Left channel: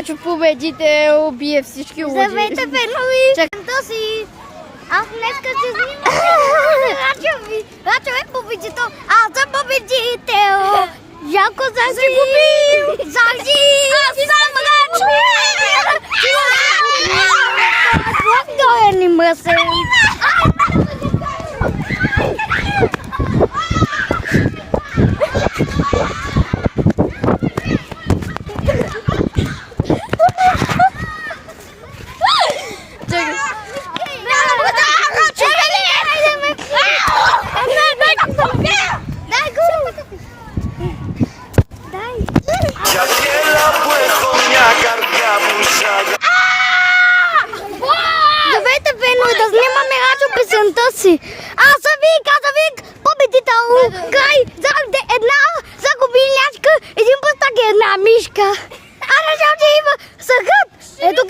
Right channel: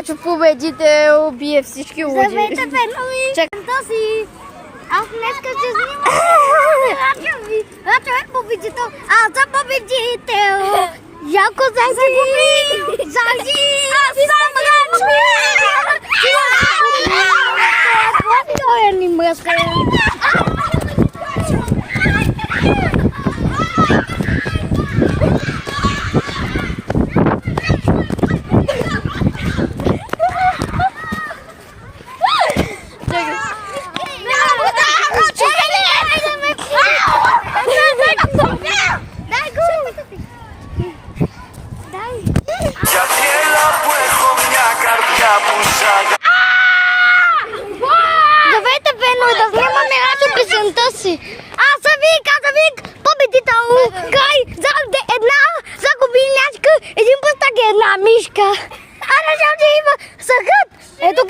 Хочу победител, бие всички луди. Здравейте, фенове! Чакай. Си. Аз днеска се снимам. Рачо е победител. Аз съм победител. Яко зажив! Зажив! Аз съм Рачо! Той е ни мръсен. Για πιέλα που έχω μια καρδιά που σ' αγαπά. Здравейте, фенове, да снимаме Рачо песента си. Аз съм Вик, победител. Край, загубите една загубилячка, един пъстак и една мишка. А Рачо има съхът. Ето